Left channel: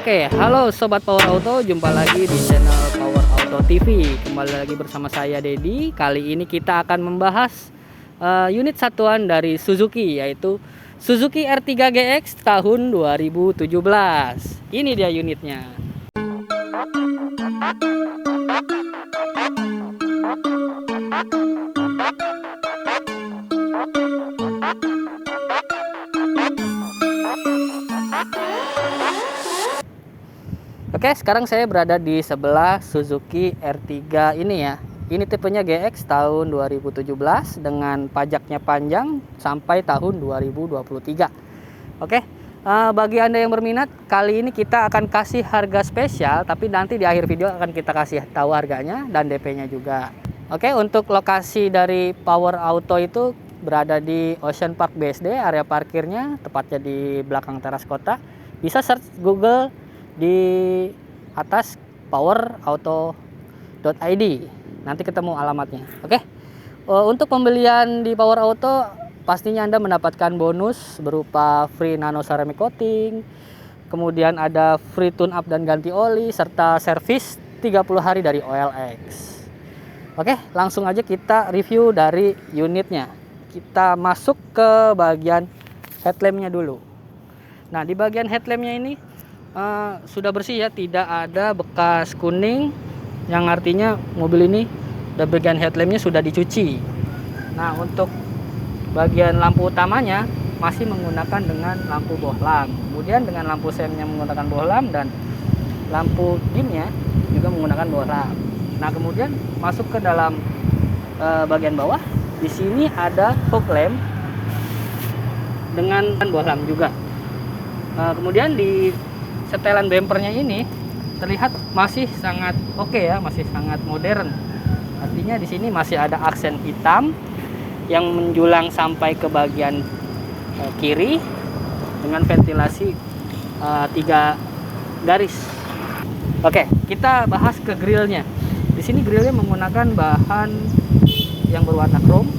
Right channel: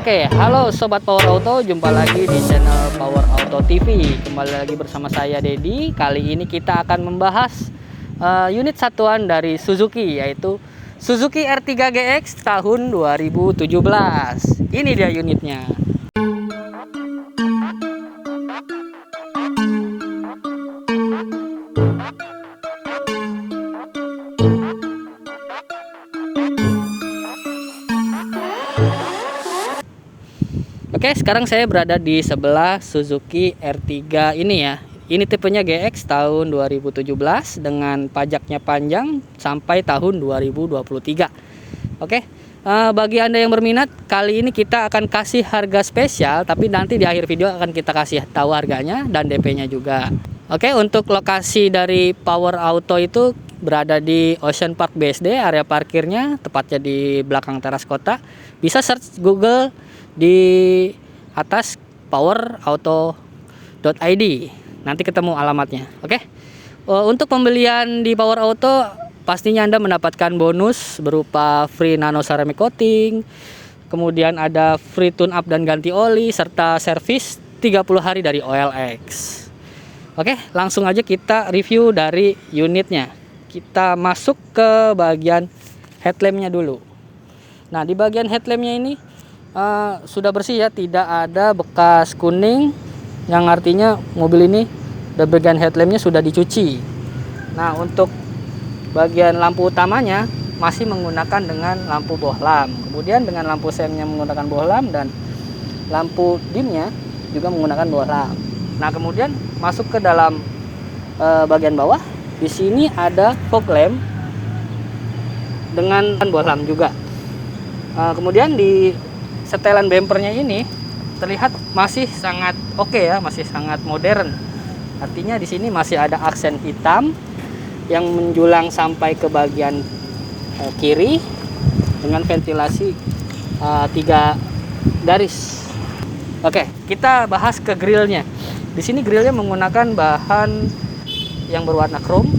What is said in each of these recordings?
Oke, halo Sobat Power Auto, jumpa lagi di channel Power Auto TV. Kembali lagi bersama saya Dedi. Kali ini kita akan membahas unit satuan dari Suzuki, yaitu Suzuki R3 GX tahun 2017. Ini dia unitnya. Oke, sekarang saya berada di sebelah Suzuki R3 ini ya. Ini tipenya GX tahun 2017 dengan pajaknya panjang sampai tahun 2023. Oke, bagi Anda yang berminat, kali ini kita akan kasih harga spesial, tapi nanti di akhir video akan kita kasih tahu harganya dan DP-nya juga. Oke, untuk lokasi dari Power Auto itu berada di Ocean Park BSD, area parkirnya tepatnya di belakang teras kota. Bisa search Google di atas powerauto.id, nanti ketemu alamatnya. Oke. Untuk pembelian di Power Auto pastinya Anda mendapatkan bonus berupa free nano ceramic coating, kemudian ada free tune up dan ganti oli, serta servis 30 hari dari OLX. Oke, langsung aja kita review dari unitnya. Kita masuk ke bagian headlampnya dulu. Nah, di bagian headlampnya ini sudah bersih ya, tidak ada bekas kuning, yang artinya mobil ini di bagian headlampnya sudah dicuci. Nah, untuk bagian lampu utamanya masih menggunakan dengan lampu bohlam, kemudian dengan lampu senya menggunakan bohlam, dan lampu dimnya juga menggunakan bohlam. Nah, kemudian masuk ke dalam bagian bawah, di sini ada fog lamp dengan bohlam juga. Kemudian di setelan bempernya ini terlihat masih sangat oke ya, masih sangat modern. Artinya di sini masih ada aksen hitam yang menjulang sampai ke bagian kiri dengan ventilasi 3 garis. Oke, kita bahas ke grillnya. Di sini grillnya menggunakan bahan yang berwarna chrome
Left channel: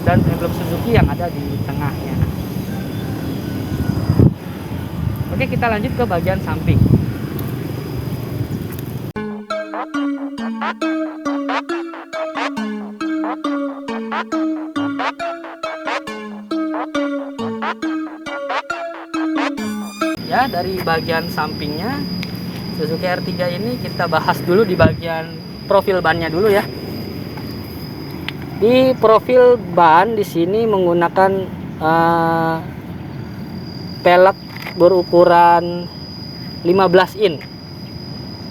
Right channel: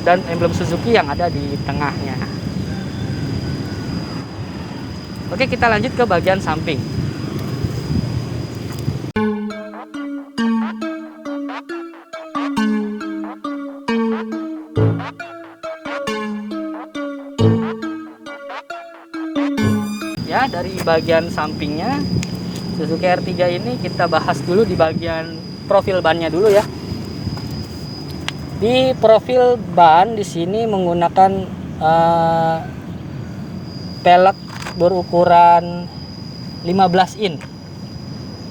dan emblem Suzuki yang ada di tengahnya. Oke, kita lanjut ke bagian samping. Ya, dari bagian sampingnya Suzuki R3 ini kita bahas dulu di bagian profil bannya dulu ya. Di profil ban di sini menggunakan pelek berukuran 15 in,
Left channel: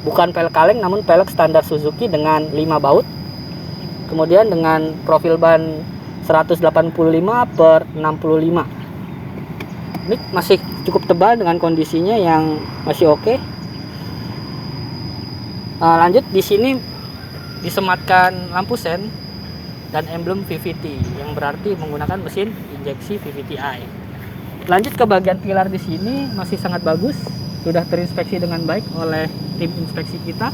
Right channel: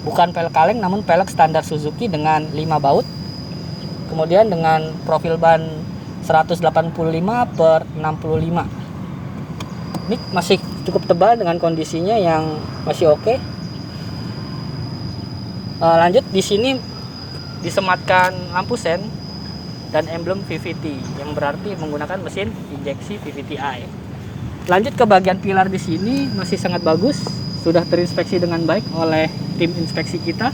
bukan pelek kaleng namun pelek standar Suzuki dengan 5 baut, kemudian dengan profil ban 185/65. Ini masih cukup tebal dengan kondisinya yang masih oke. Lanjut, di sini disematkan lampu sen dan emblem VVT yang berarti menggunakan mesin injeksi VVT-i. Lanjut ke bagian pilar, di sini masih sangat bagus, sudah terinspeksi dengan baik oleh tim inspeksi kita.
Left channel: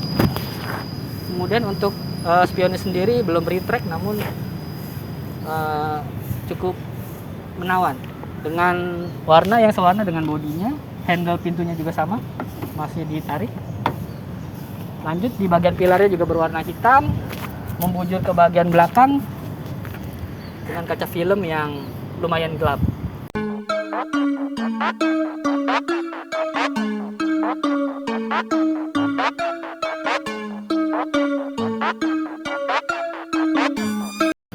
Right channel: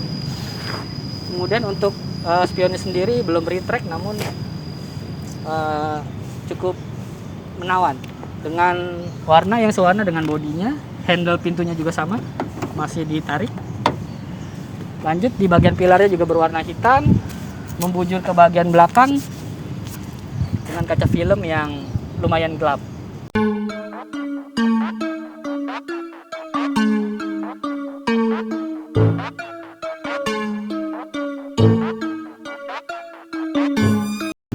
Kemudian untuk spionnya sendiri belum retract, namun cukup menawan dengan warna yang sewarna dengan bodinya. Handle pintunya juga sama, masih ditarik. Lanjut, di bagian pilarnya juga berwarna hitam, membujur ke bagian belakang dengan kaca film yang lumayan gelap.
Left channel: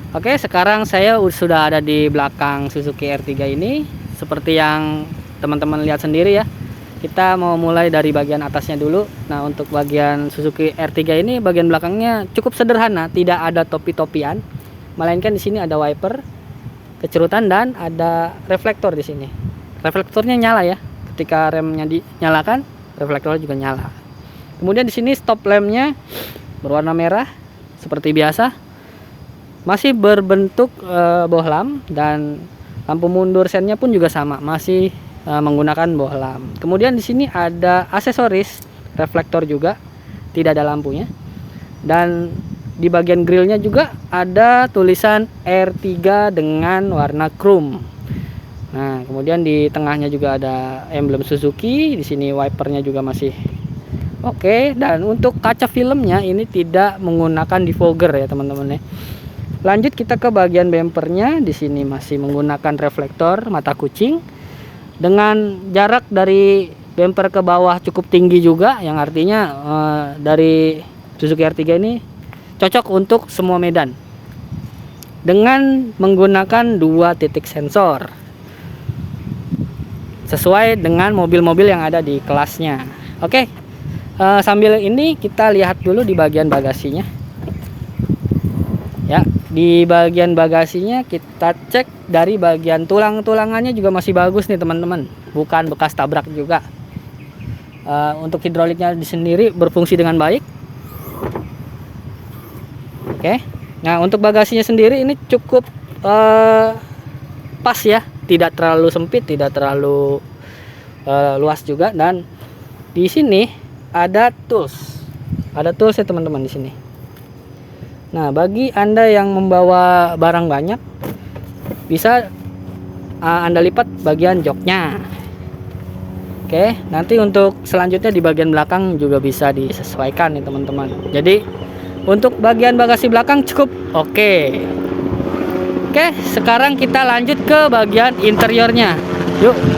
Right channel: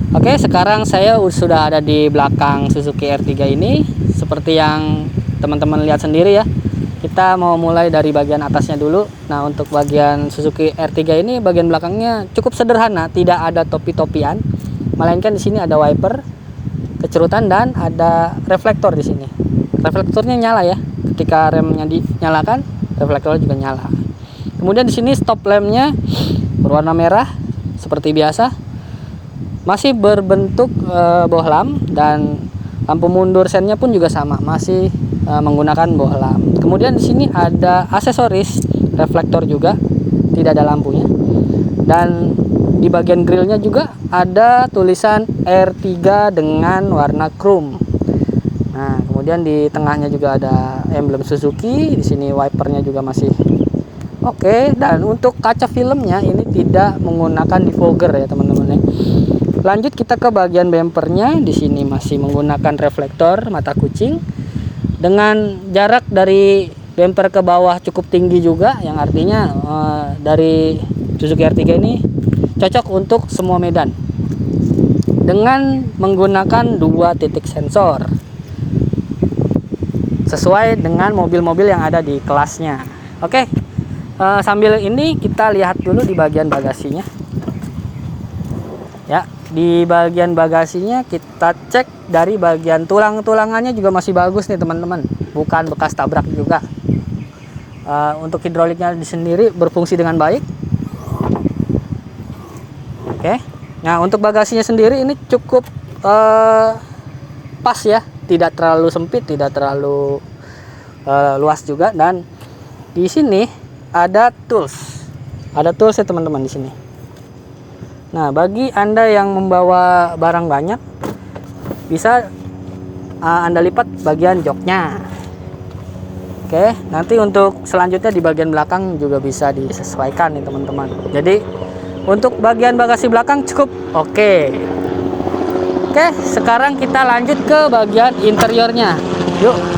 Oke, sekarang saya sudah ada di belakang Suzuki R3 ini. Seperti yang teman-teman lihat sendiri ya. Kita mau mulai dari bagian atasnya dulu. Nah, untuk bagian Suzuki R3 ini bagian belakangnya cukup sederhana, tidak ada topi-topian. Melainkan di sini ada wiper, kecerutan, dan ada reflektor di sini. Reflektornya nyala ya. Ketika remnya dinyalakan, reflektor juga nyala. Kemudian di sini stop lampnya berwarna merah seperti biasa. Masih berbentuk bohlam, dan lampu mundur sennya pun juga sama, masih menggunakan bohlam. Kemudian di sini ada aksesoris reflektor juga, tidak ada lampunya. Dan di bagian grillnya juga ada tulisan R3 dengan warna chrome. Nah, kemudian di tengahnya juga ada emblem Suzuki. Di sini wipernya juga masih oke. Dan untuk kaca filmnya ini tidak menggunakan defogger ya teman-teman ya. Lanjut kita ke bagian bempernya. Di sini masih menggunakan reflektor mata kucing dengan jarak dari bemper ke bawah cukup tinggi juga, yang artinya dari Suzuki R3 ini cocok untuk semua medan dengan menggunakan 2 titik sensor sesuai dengan mobil-mobil yang ada di kelasnya. Oke, sambil ini kita lihat dulu di bagian bagasinya ya. Di bagian bagasinya kita cek dari bagian tulang-tulangannya juga masih bagus nih teman-teman, bukan bekas tabrak juga. Untuk hidroliknya sendiri berfungsi dengan baik. Oke, nah untuk bagasinya sendiri ini cukup pas ya, tidak terlalu sempit, tidak terlalu luas juga. Dan di sini ada tools ya teman-teman di sini. Nah, bagi Anda yang membawa barang banyak, bisa Anda lipat bagian joknya. Oke, nanti untuk selanjutnya di bagian belakang juga bisa disesuaikan nih teman-teman. Jadi untuk bagian bagasi belakang cukup oke. Oke, sekarang kita lanjut ke bagian interiornya. Yuk.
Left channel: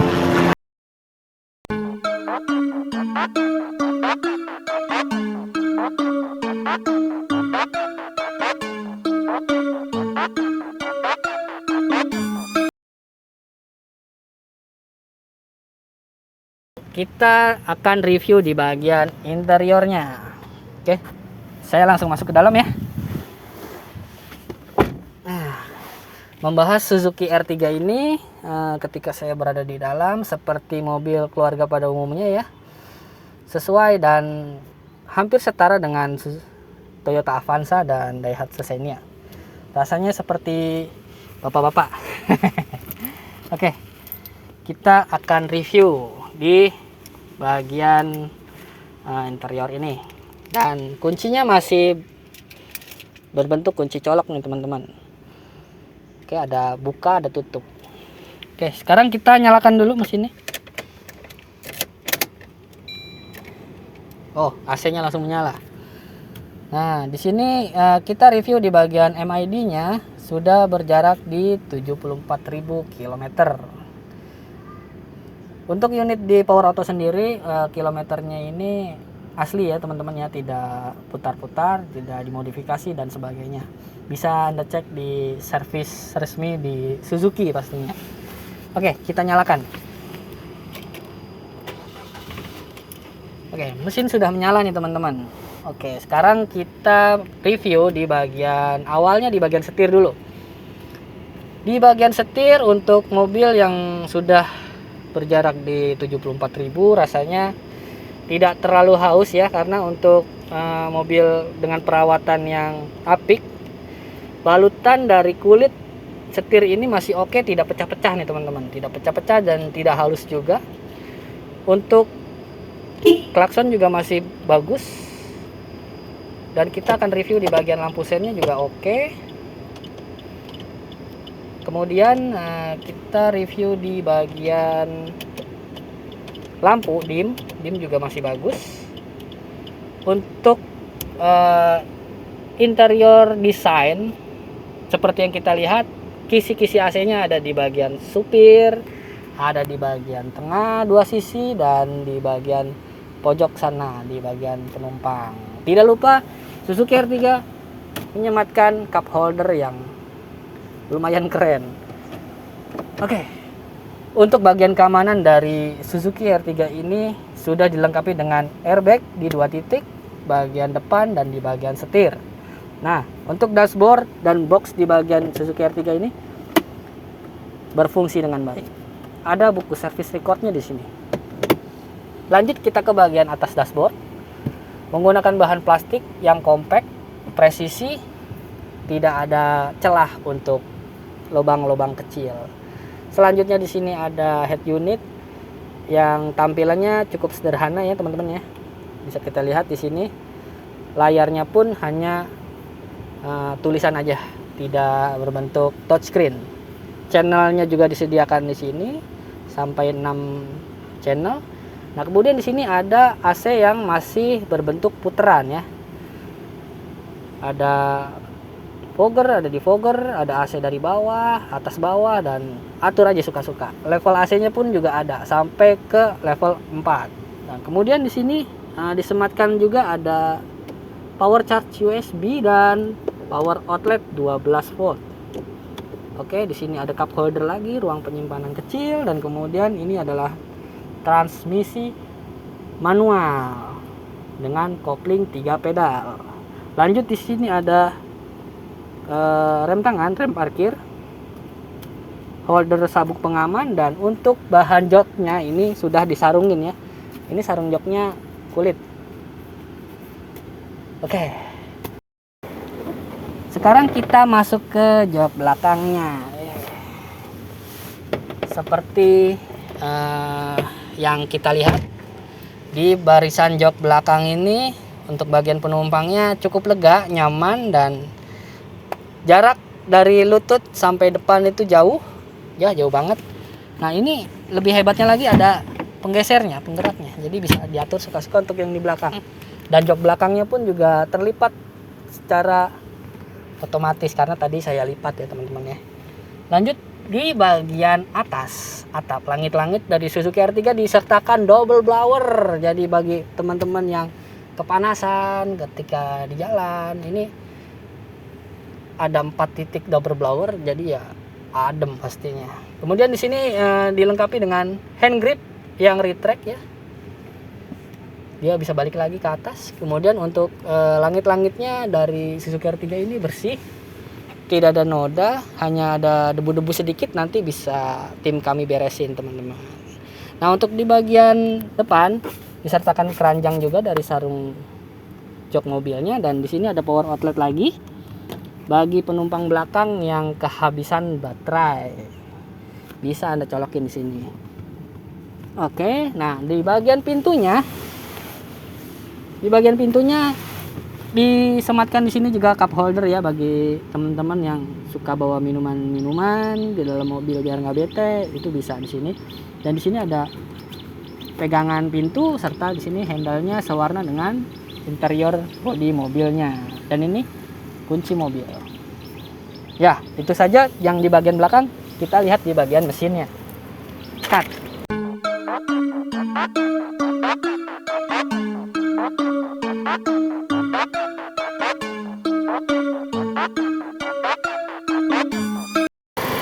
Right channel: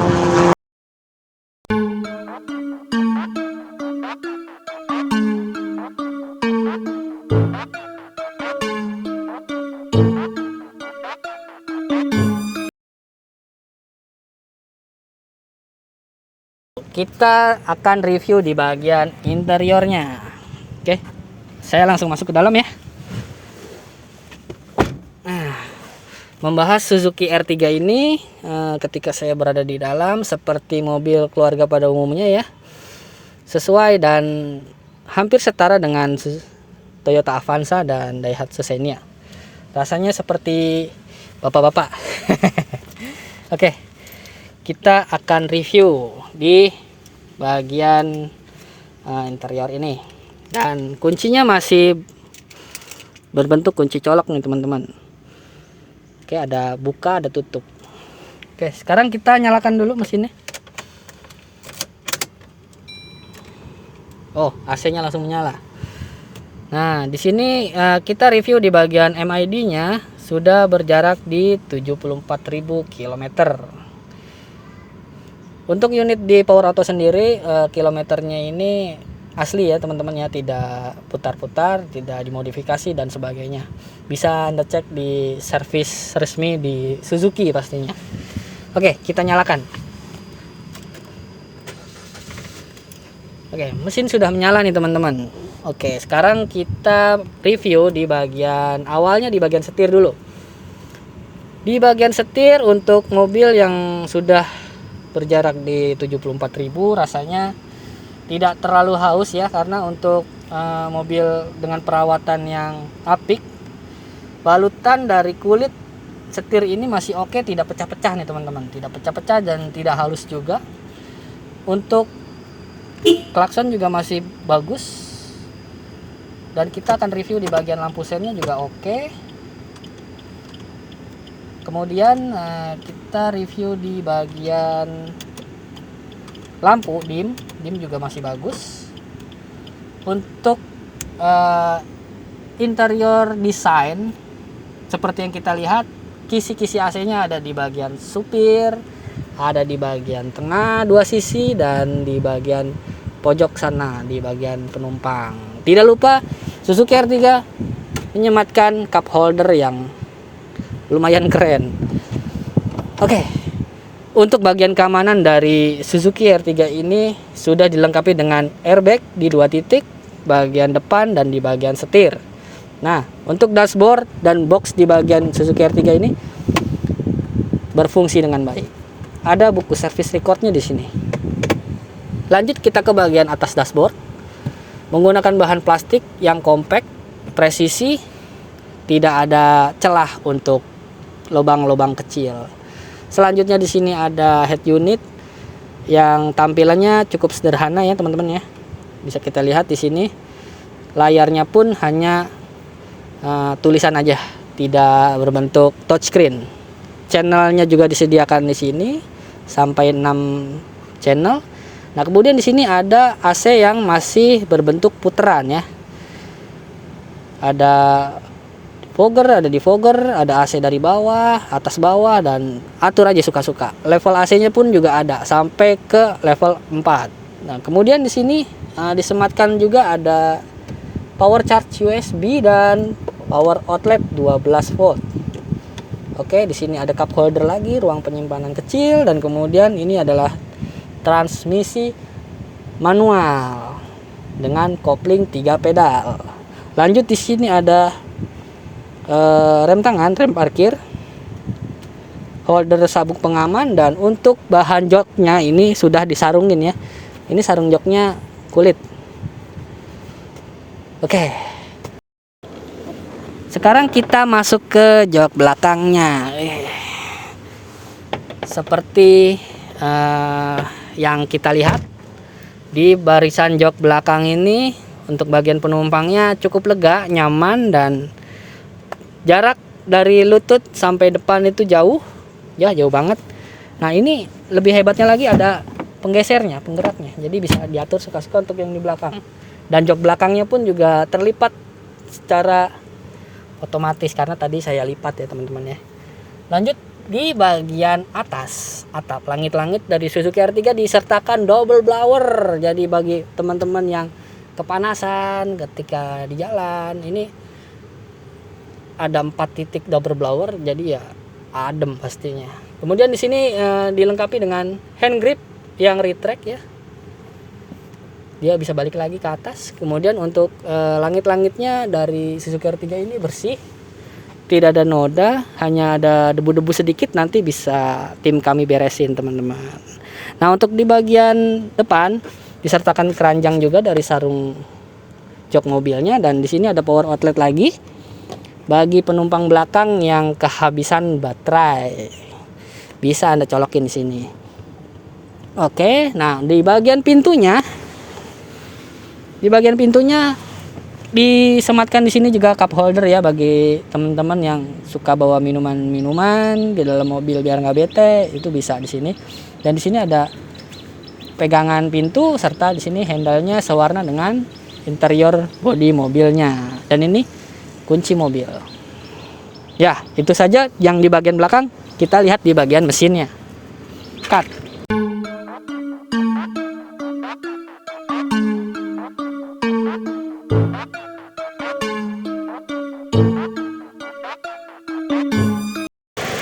Kita akan review di bagian interiornya. Oke, saya langsung masuk ke dalam ya. Membahas Suzuki R3 ini, ketika saya berada di dalam seperti mobil keluarga pada umumnya ya, sesuai dan hampir setara dengan Toyota Avanza dan Daihatsu Xenia. Rasanya seperti bapak-bapak. Oke, kita akan review di bagian interior ini. Dan kuncinya masih berbentuk kunci colok nih teman-teman. Oke, ada buka, ada tutup. Oke, sekarang kita nyalakan dulu mesinnya. Oh, AC-nya langsung menyala. Nah, di sini kita review di bagian MID-nya sudah berjarak di 74.000 km. Untuk unit di Power Auto sendiri, kilometernya ini asli ya teman-teman ya, tidak putar-putar, tidak dimodifikasi dan sebagainya. Bisa Anda cek di servis resmi di Suzuki pastinya. Oke, kita nyalakan. Oke, mesin sudah menyala nih teman-teman. Oke, sekarang kita review di bagian awalnya, di bagian setir dulu. Di bagian setir untuk mobil yang sudah berjarak di 74.000 rasanya tidak terlalu haus ya, karena untuk mobil dengan perawatan yang apik, balutan dari kulit setir ini masih oke, tidak pecah-pecah nih teman-teman, tidak pecah-pecah dan tidak halus juga. Untuk klakson juga masih bagus, dan kita akan review di bagian lampu sennya juga oke. Kemudian kita review di bagian lampu dim juga masih bagus. Untuk interior desain seperti yang kita lihat, kisi-kisi AC-nya ada di bagian supir, ada di bagian tengah 2 sisi, dan di bagian pojok sana di bagian penumpang. Tidak lupa Suzuki R3 menyematkan cup holder yang lumayan keren. Oke. Untuk bagian keamanan dari Suzuki R3 ini sudah dilengkapi dengan airbag di 2 titik, bagian depan dan di bagian setir. Nah, untuk dashboard dan box di bagian Suzuki R3 ini berfungsi dengan baik. Ada buku service recordnya di sini. Lanjut kita ke bagian atas dashboard. Menggunakan bahan plastik yang compact, presisi, tidak ada celah untuk lubang-lubang kecil. Selanjutnya di sini ada head unit yang tampilannya cukup sederhana ya teman-teman ya. Bisa kita lihat di sini. Layarnya pun hanya tulisan aja, tidak berbentuk touchscreen. Channelnya juga disediakan di sini sampai 6 channel. Nah, kemudian di sini ada AC yang masih berbentuk puteran ya. Ada fogger, ada defogger, ada AC dari bawah, atas bawah, dan atur aja suka-suka. Level AC-nya pun juga ada sampai ke level 4. Nah, kemudian di sini disematkan juga ada power charge USB dan power outlet 12 volt. Oke, di sini ada cup holder lagi, ruang penyimpanan kecil, dan kemudian ini adalah transmisi manual dengan kopling 3 pedal. Lanjut di sini ada rem tangan, rem parkir, holder sabuk pengaman, dan untuk bahan joknya ini sudah disarungin ya. Ini sarung joknya kulit. Oke. Sekarang kita masuk ke jok belakangnya. Seperti yang kita lihat di barisan jok belakang ini, untuk bagian penumpangnya cukup lega, nyaman, dan jarak dari lutut sampai depan itu jauh banget. Nah, ini lebih hebatnya lagi ada penggesernya, penggeraknya, jadi bisa diatur suka-suka untuk yang di belakang. Dan jok belakangnya pun juga terlipat secara otomatis karena tadi saya lipat ya teman-teman ya. Lanjut di bagian atas, atap langit-langit dari Suzuki R3 disertakan double blower. Jadi bagi teman-teman yang kepanasan ketika di jalan, ini ada 4 titik double blower, jadi ya adem pastinya. Kemudian di sini dilengkapi dengan hand grip yang retract ya. Dia bisa balik lagi ke atas. Kemudian untuk langit-langitnya dari Suzuki R3 ini bersih, tidak ada noda, hanya ada debu-debu sedikit, nanti bisa tim kami beresin teman-teman. Nah, untuk di bagian depan disertakan keranjang juga dari sarung jok mobilnya, dan di sini ada power outlet lagi bagi penumpang belakang yang kehabisan baterai. Bisa Anda colokin di sini. Oke, nah di bagian pintunya disematkan di sini juga cup holder ya bagi teman-teman yang suka bawa minuman-minuman di dalam mobil biar nggak bete, itu bisa di sini. Dan di sini ada pegangan pintu serta di sini handle-nya sewarna dengan interior bodi mobilnya. Dan ini kunci mobil. Ya, itu saja yang di bagian belakang. Kita lihat di bagian mesinnya. Cut.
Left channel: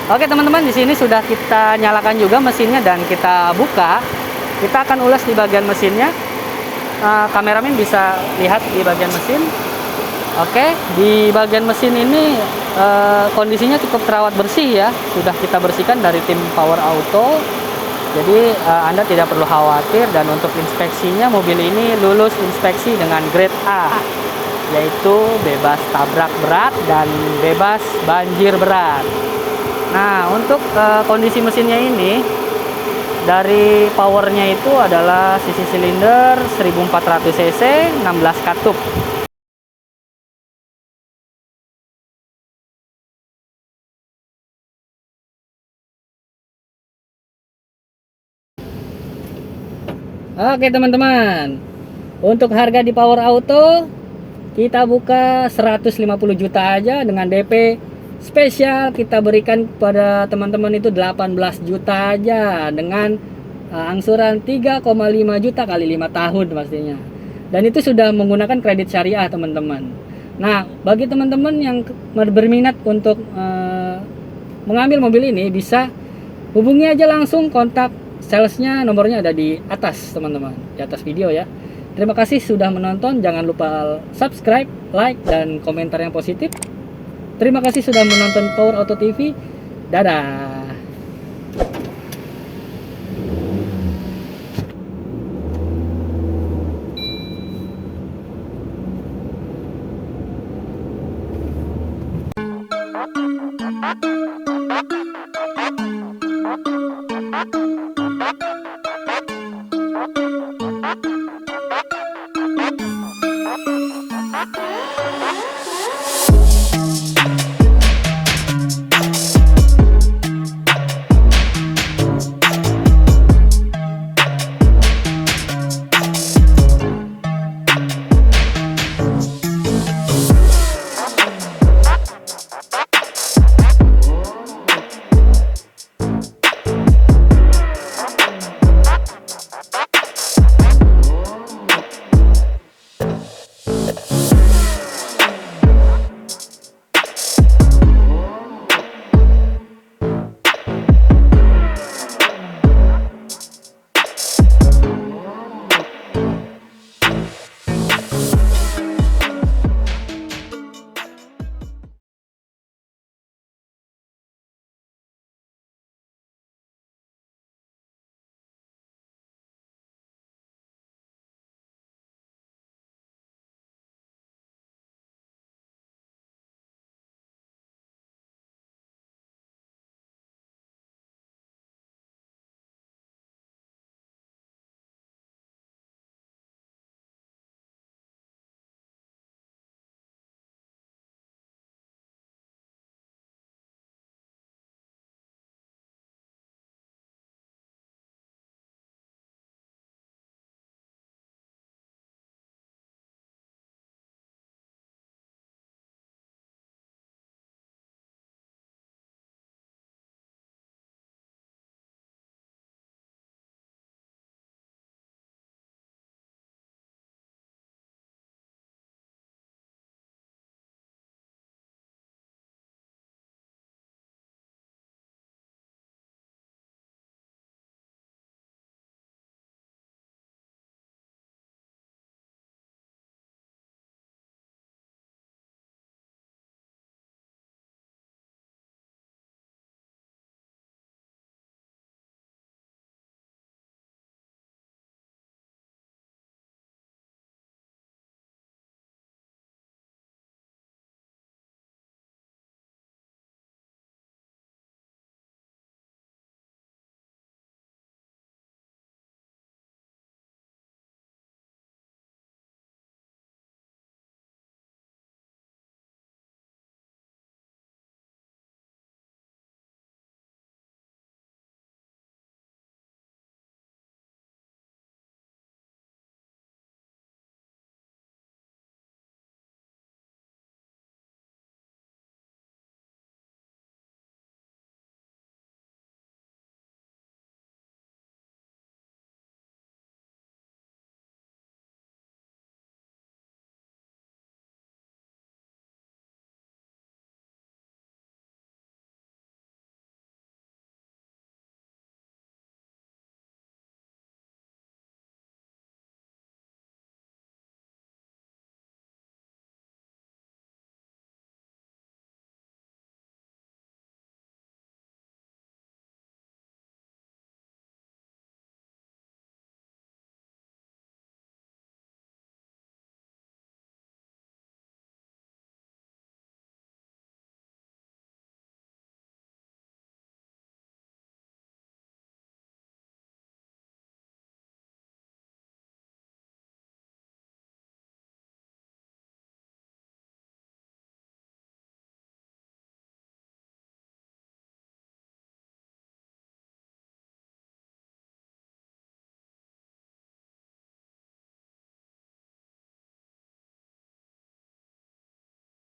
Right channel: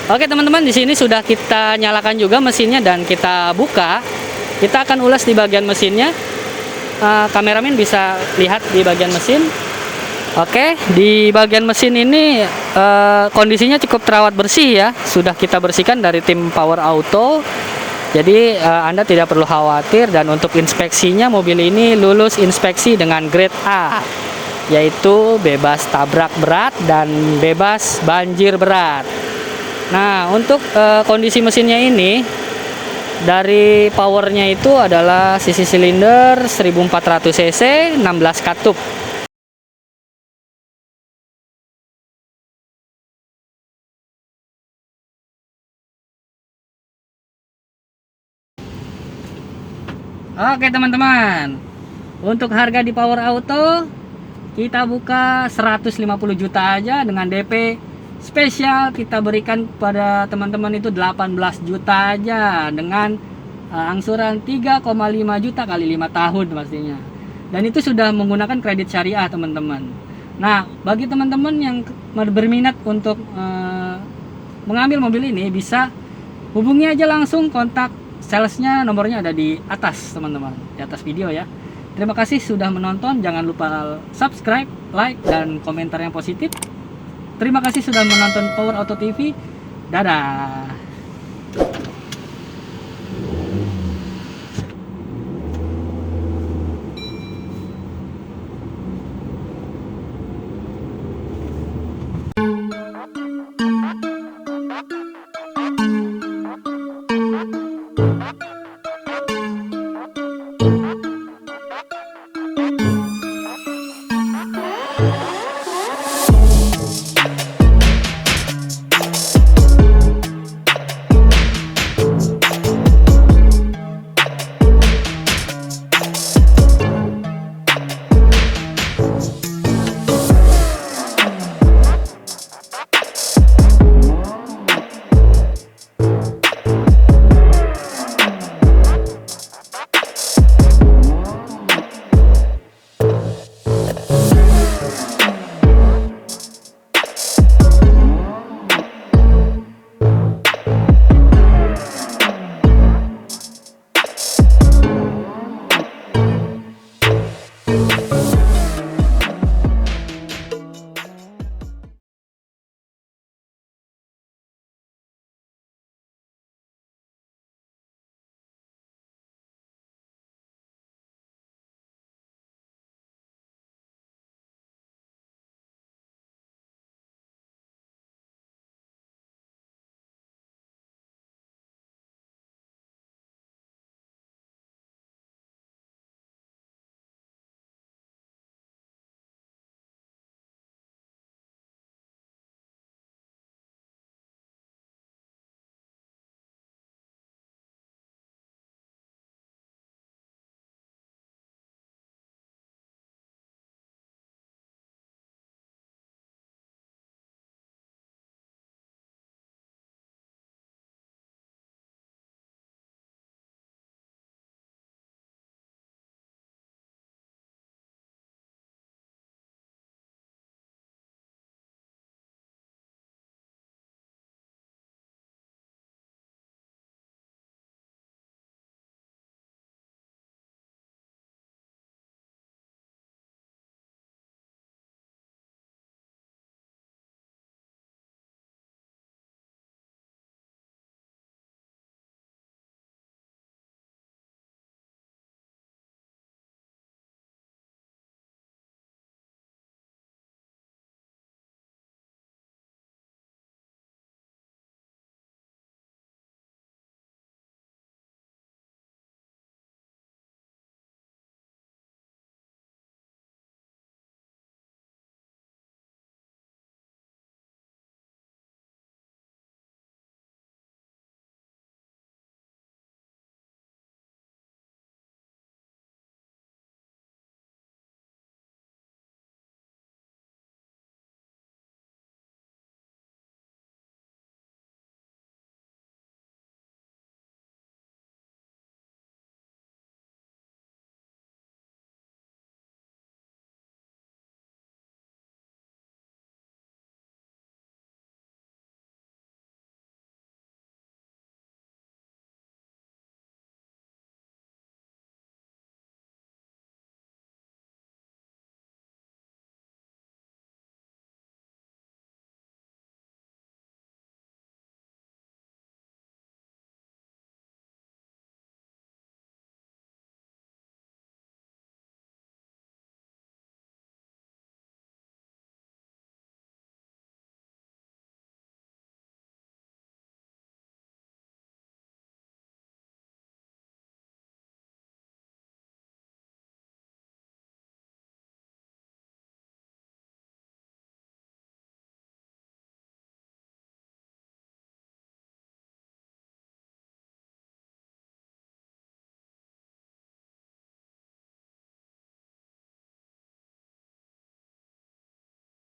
Oke teman-teman, di sini sudah kita nyalakan juga mesinnya dan kita buka. Kita akan ulas di bagian mesinnya. Kameramen bisa lihat di bagian mesin. Oke, di bagian mesin ini kondisinya cukup terawat bersih ya. Sudah kita bersihkan dari tim Power Auto. Jadi Anda tidak perlu khawatir, dan untuk inspeksinya mobil ini lulus inspeksi dengan grade A, yaitu bebas tabrak berat dan bebas banjir berat. Nah, untuk kondisi mesinnya ini, dari powernya itu adalah sisi silinder 1400 cc 16 katup. Oke teman-teman, untuk harga di Power Auto kita buka 150 juta aja, dengan DP spesial kita berikan kepada teman-teman itu 18 juta aja, dengan angsuran 3,5 juta kali 5 tahun pastinya. Dan itu sudah menggunakan kredit syariah teman-teman. Nah, bagi teman-teman yang berminat untuk mengambil mobil ini bisa hubungi aja langsung, kontak salesnya, nomornya ada di atas teman-teman, di atas video ya. Terima kasih sudah menonton, jangan lupa subscribe, like, dan komentar yang positif. Terima kasih sudah menonton Power Auto TV. Dadah.